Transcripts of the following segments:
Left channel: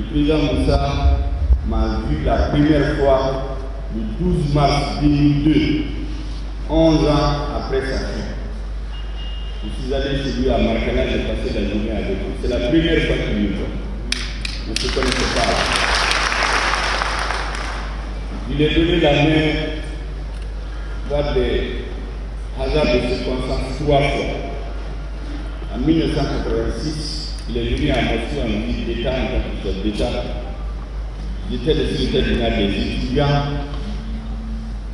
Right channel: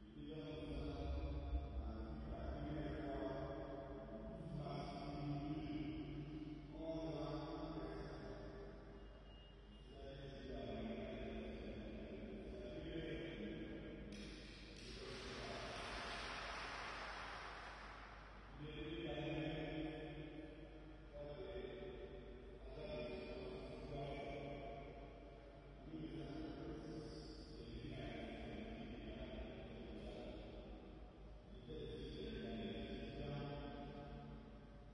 Le président Moussa m'a vu la première fois le 12 mars 2002, 11 ans après sa chute. Je suis allé chez lui à Marcana, j'ai passé la journée avec lui. C'est la première fois qu'il me voit. On ne se connaissait pas. Il lui ai donné la main par des hasards de circonstances 3 fois. En 1986, il est venu à Moscou en visite d'État, en tant que chef d'État. J'étais le secrétaire général des étudiants.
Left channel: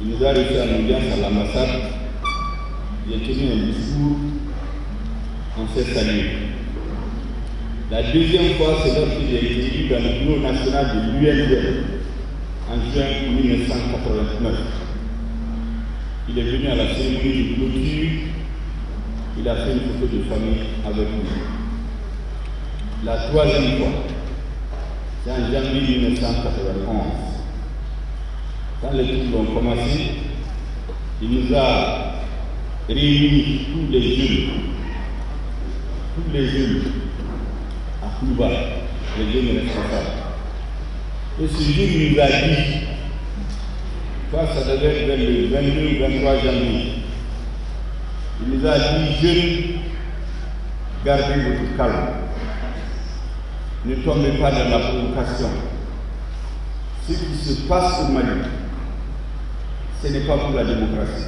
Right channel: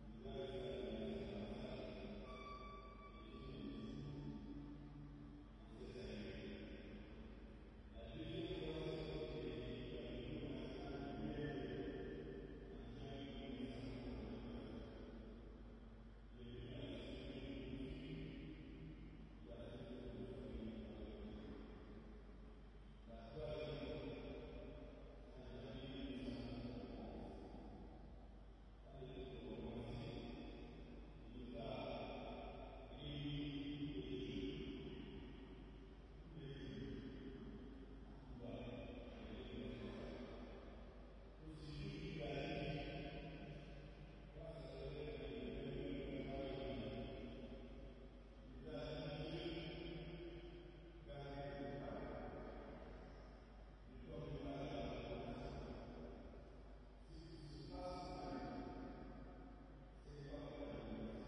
Il nous a reçus en audience à l'ambassade. J'ai tenu un discours. On s'est salué. La deuxième fois, c'est lorsqu'il a été élu dans le bureau national de l'UNDL en juin 1989. Il est venu à la cérémonie de clôture. Il a fait une photo de famille avec nous. La troisième fois, c'est en janvier 1991. Quand les troubles ont commencé, il nous a réunis tous les jeunes à Kouba, les jeunes responsables. Et ce jour, il nous a dit, ça devait être vers le 22 ou 23 janvier, il nous a dit, jeunes, gardez votre calme. Ne tombez pas dans la provocation. Ce qui se passe au Mali, ce n'est pas pour la démocratie.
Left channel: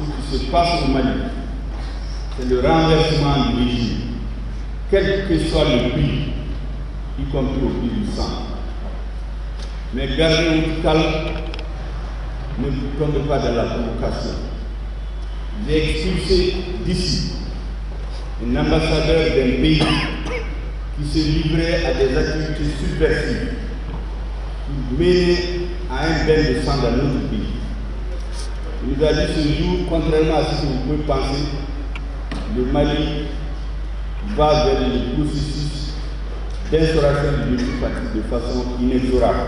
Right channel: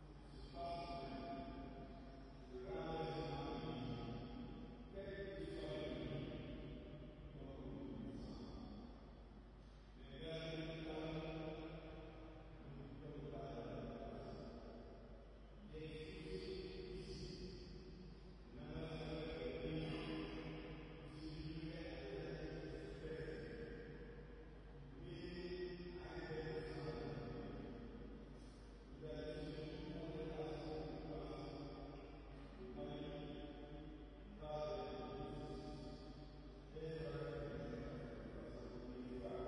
Ce qui se passe au Mali, c'est le renversement du régime, quel que soit le prix, y compris au prix du sang. Mais gardez votre calme, ne tombez pas dans la provocation. J'ai expulsé d'ici un ambassadeur d'un pays qui se livrait à des activités subversives, qui menaient à un bain de sang dans notre pays. Il nous a dit ce jour, contrairement à ce que vous pouvez penser, le Mali va vers le processus d'instauration du multipartisme de façon inexorable.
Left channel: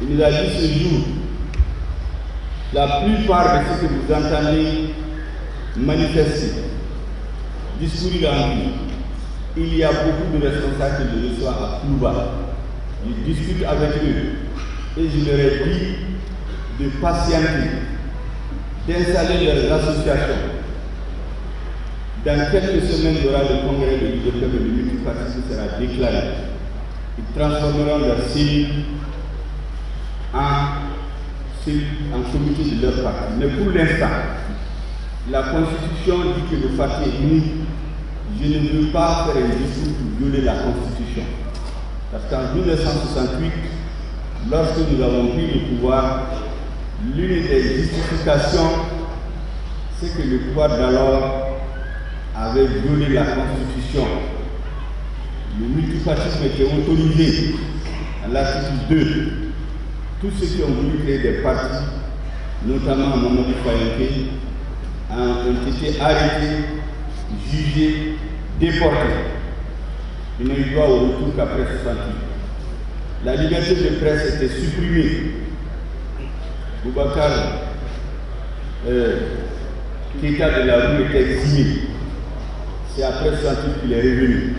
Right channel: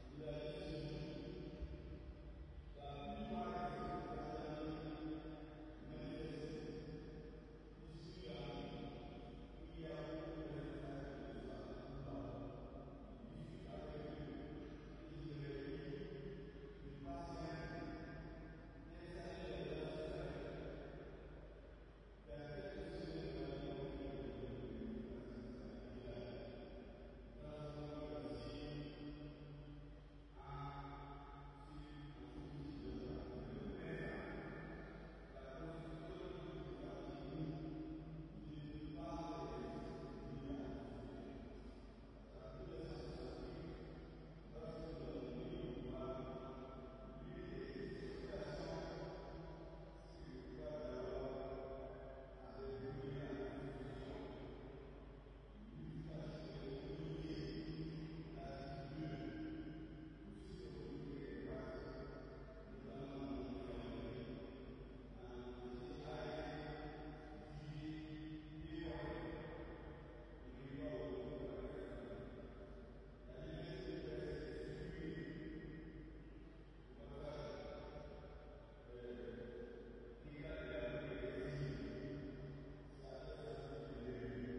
Il nous a dit ce jour, la plupart de ce que vous entendez manifester, discourir en vie, il y a beaucoup de responsables que je reçois à Kouba. Je discute avec eux et je leur ai dit de patienter, d'installer leurs associations. Dans quelques semaines, il y aura le congrès de l'UDP et le multipartisme sera déclaré. Ils transformeront leurs cellules en comité de leur parti. Mais pour l'instant, la Constitution dit que le parti est unique. Je ne veux pas faire un discours pour violer la Constitution. Parce qu'en 1968, lorsque nous avons pris le pouvoir, l'une des justifications, c'est que le pouvoir d'alors avait violé la Constitution. Le multipartisme était autorisé à l'article 2. Tous ceux qui ont voulu créer des partis, notamment Mamadou Fayenke, ont été arrêtés, jugés, déportés. Ils n'ont eu droit au retour qu'après 68. La liberté de presse était supprimée. Boubacar Keïta de la rue était exilé. C'est après 68 qu'il est revenu.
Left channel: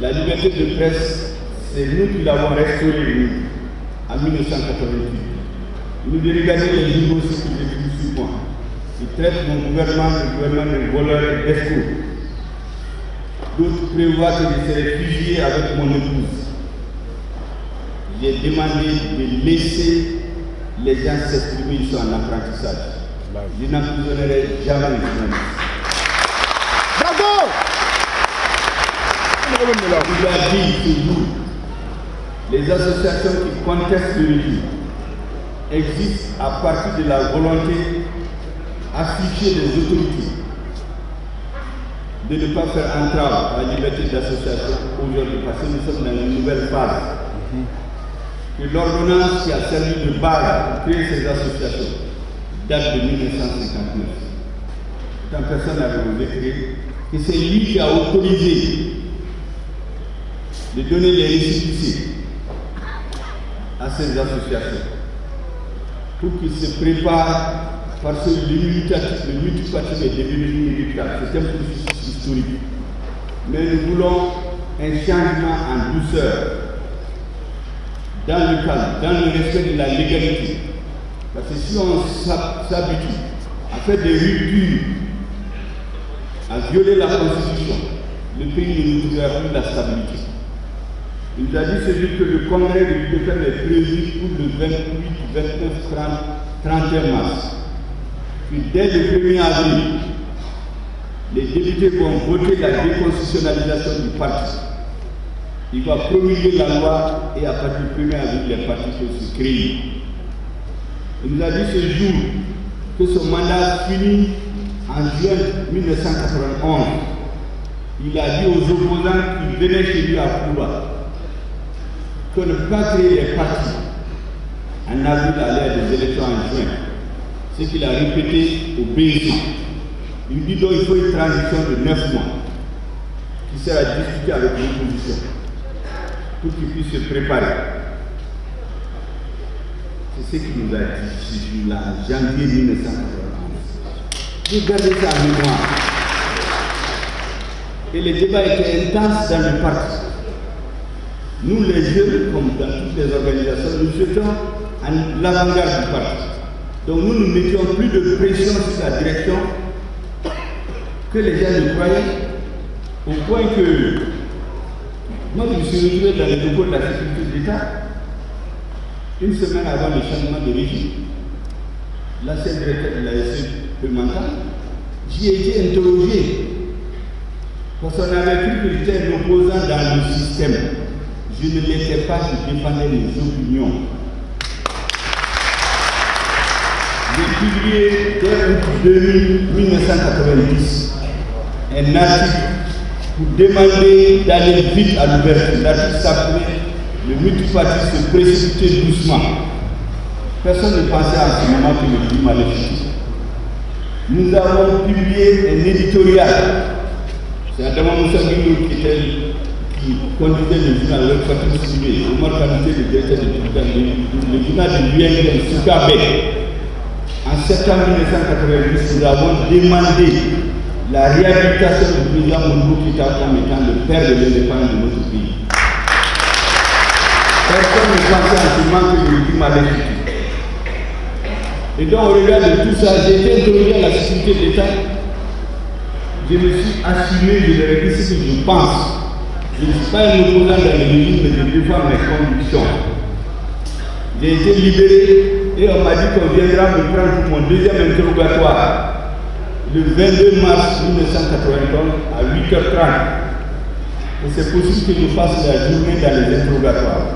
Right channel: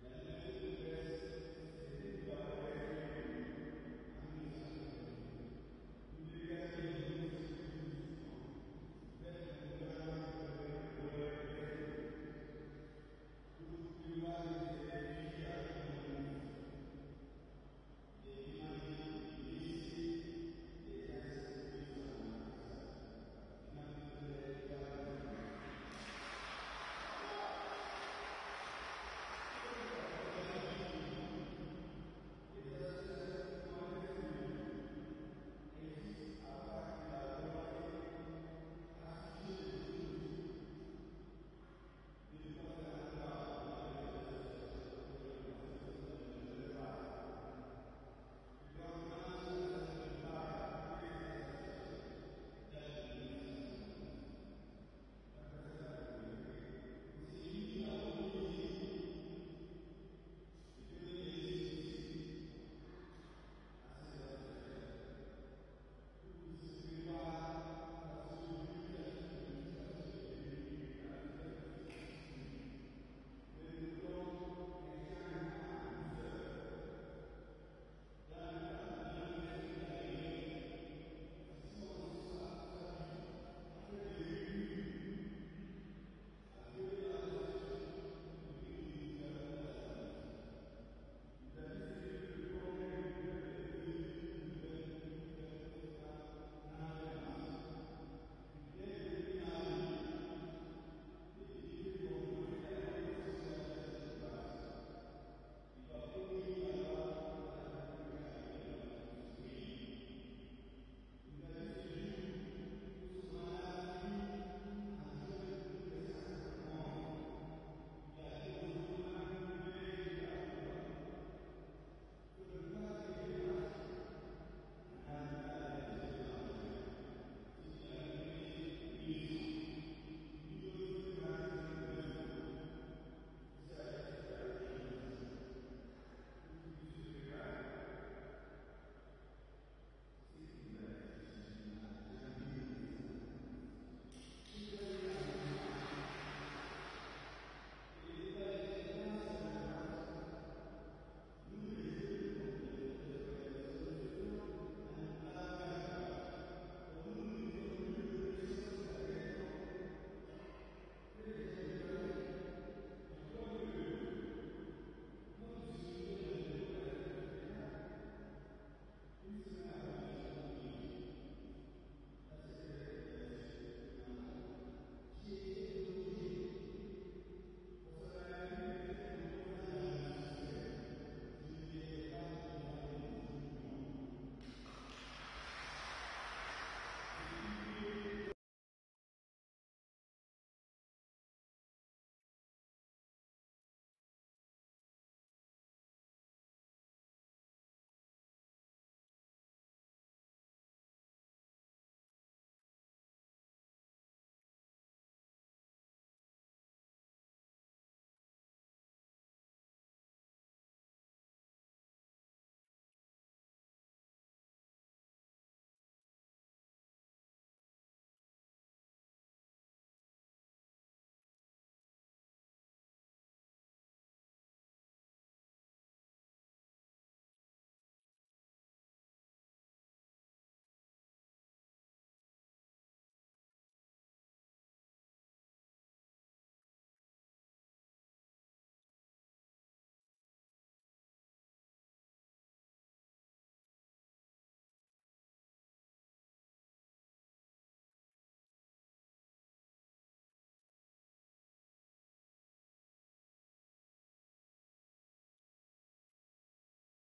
La liberté de presse, c'est nous qui l'avons restaurée en 1988. Nous devons regarder les journaux qui écrivent sur moi. Ils traitent mon gouvernement, le gouvernement de voleurs et d'escrocs. D'autres prévoient que je serai fusillé avec mon épouse. J'ai demandé de laisser les gens s'exprimer, ils sont en apprentissage. Je n'emprisonnerai jamais les journalistes. Bravo! Il a dit toujours, les associations qui contestent le régime existent à partir de la volonté affichée des autorités de ne pas faire entrave à la liberté d'association aujourd'hui, parce que nous sommes dans une nouvelle phase. Que l'ordonnance qui a servi de base pour créer ces associations date de 1959. Quand personne n'avait osé créer, que c'est lui qui a autorisé de donner les récépissés à ces associations pour qu'ils se préparent, parce que le multipartisme est devenu inéluctable. C'est un processus historique. Mais nous voulons un changement en douceur, dans le calme, dans le respect de la légalité. Parce que si on s'habitue à faire des ruptures, à violer la Constitution, le pays ne trouvera plus la stabilité. Il nous a dit celui que le congrès de l'UDPM est prévu pour le 28, 29, 30, 31 mars. Puis dès le 1er avril, les députés vont voter la déconstitutionnalisation du parti. Il va promulguer la loi et à partir du 1er avril, les partis peuvent se créer. Il nous a dit ce jour que son mandat finit en juin 1991. Il a dit aux opposants qui venaient chez lui à Cuba qu'on ne peut pas créer les partis en avril à l'ère des élections en juin. Ce qu'il a répété au BNC. Il dit donc qu'il faut une transition de 9 mois qui sert à discuter avec l'opposition pour qu'ils puissent se préparer. C'est ce qu'il nous a dit ce jour-là, en janvier 1991. Regardez ça en mémoire. Et les débats étaient intenses dans le parti. Nous, les jeunes, comme dans toutes les organisations, nous étions à l'avant-garde du parti. Donc nous ne mettions plus de pression sur la direction que les gens ne croyaient, au point que moi je me suis retrouvé dans les locaux de la sécurité d'État une semaine avant le changement de régime. L'ancien directeur de la SE j'y ai été interrogé parce qu'on avait cru que j'étais un opposant dans le système. Je ne l'étais pas, je défendais les opinions. J'ai publié dès 1990 un article pour demander d'aller vite à l'ouverture. L'article s'appelait le multiparti se précipiter doucement. Personne ne pensait à ce moment que le climat allait chuter. Nous avons publié un éditorial. C'est Adama Moussa Guillou qui conduisait le journal avec Fatou Sibé, Omar Kanouté, le directeur du journal de l'UNL Soukabé. En septembre 1990, nous avons demandé la réhabilitation du président Modibo Keïta comme étant le père de l'indépendance de notre pays. Personne ne pensait en ce moment que le climat allait chuter. Et donc, au regard de tout ça, j'ai été interrogé à la sécurité de l'État. Je me suis assumé, je leur ai dit ce que je pense. Je ne suis pas un opposant dans le régime, mais je défends mes convictions. J'ai été libéré et on m'a dit qu'on viendra me prendre pour mon deuxième interrogatoire le 22 mars 1991 à 8h30. Et c'est possible que je fasse la journée dans les interrogatoires.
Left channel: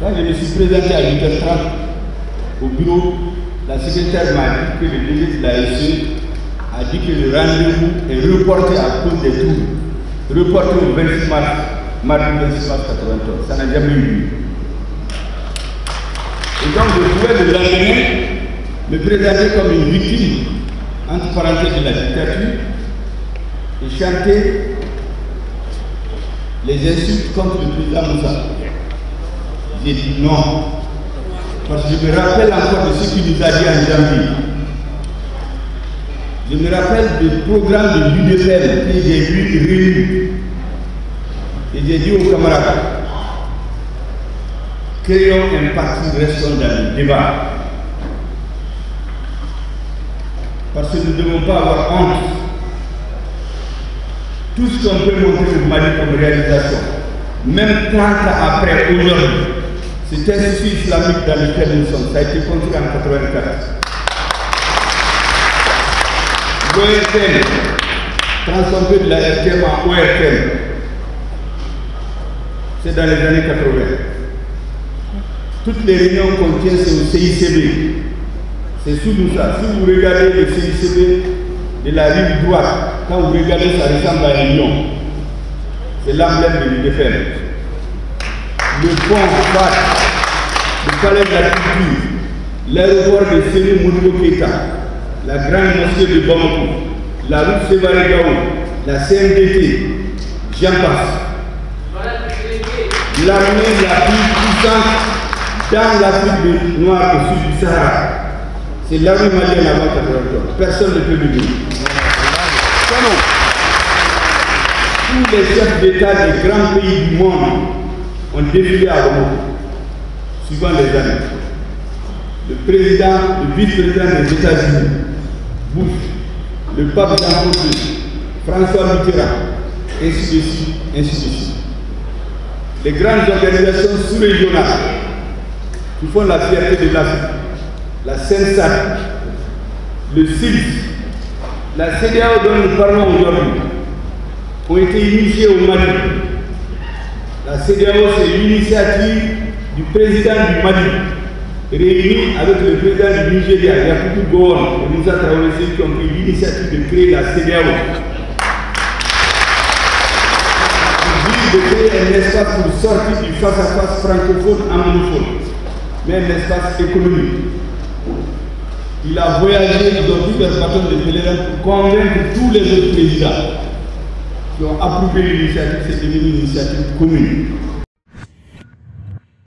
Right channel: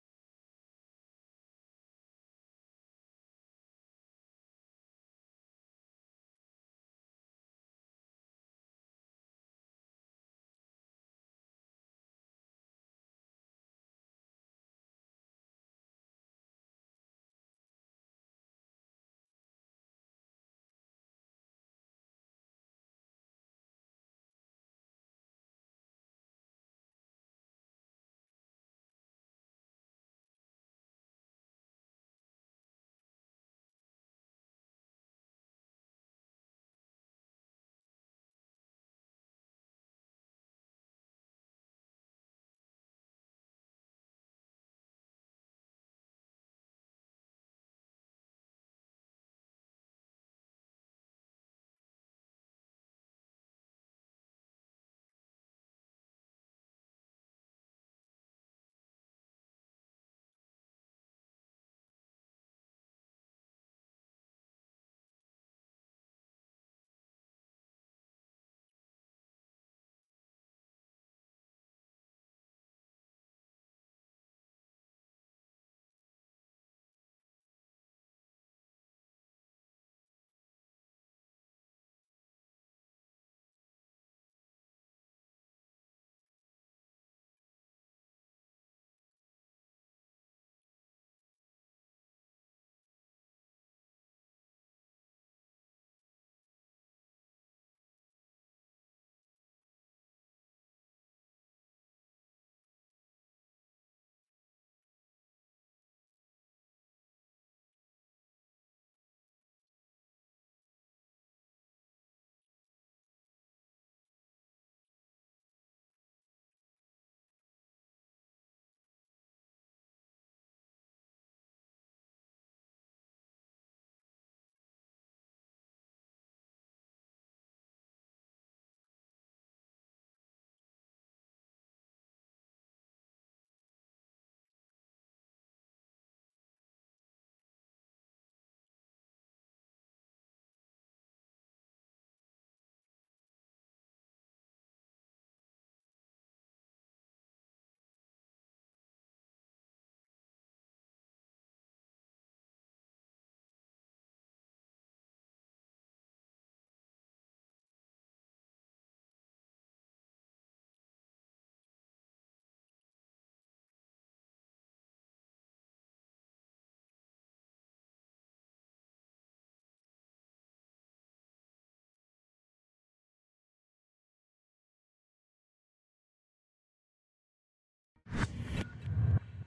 Quand je me suis présenté à 8h30 au bureau, la secrétaire m'a dit que le DG de la SE a dit que le rendez-vous est reporté à cause des troubles. Reporté au 26 mars, mardi 26 mars 1991. Ça n'a jamais eu lieu. Et donc je pouvais le lendemain me présenter comme une victime, entre parenthèses, de la dictature, et chanter les insultes contre le président Moussa. J'ai dit non, parce que je me rappelle encore de ce qu'il nous a dit en janvier. Je me rappelle du programme de l'UDPM que j'ai vu réuni. Et j'ai dit aux camarades, créons un parti, restons dans le débat. Parce que nous ne devons pas avoir honte. Tout ce qu'on peut montrer au Mali comme réalisation, même 30 ans après, aujourd'hui, cet institut islamique dans lequel nous sommes, ça a été construit en 1984. L'ORTM, transformé de la RTM en ORTM, c'est dans les années 80. Toutes les réunions qu'on tient, c'est au CICB. C'est sous nous ça. Si vous regardez le CICB de la rive droite, quand vous regardez, ça ressemble à un lion. C'est l'emblème de l'UDPM. Le pont FAT, le palais de la culture, l'aéroport de Séné Modibo Keïta, la grande mosquée de Bamako, la route Sévaré-Gao, la CNDT, j'en passe. L'armée la plus puissante dans l'Afrique noire au sud du Sahara. C'est l'armée malienne avant 1983. Personne ne peut le dire. Si tous les chefs d'État des grands pays du monde ont défilé à Rome, suivant les années. Le président, le vice-président des États-Unis, Bush, le pape Jean-Paul II, François Mitterrand, ainsi de suite, ainsi de suite. Les grandes organisations sous-régionales qui font la fierté de l'Afrique, la CENSAC, le CILS, la CEDEAO dont nous parlons aujourd'hui, ont été initiés au Mali. La CEDEAO, c'est l'initiative du président du Mali, réuni avec le président du Nigeria, Yakubu Gowon et Moussa Traoré, qui ont pris l'initiative de créer la CEDEAO. De créer un espace pour sortir du face-à-face francophone anglophone, mais un espace économique. Il a voyagé, ils ont pris leur bâton de pèlerin pour convaincre tous les autres présidents qui ont approuvé l'initiative, c'est devenu une initiative commune.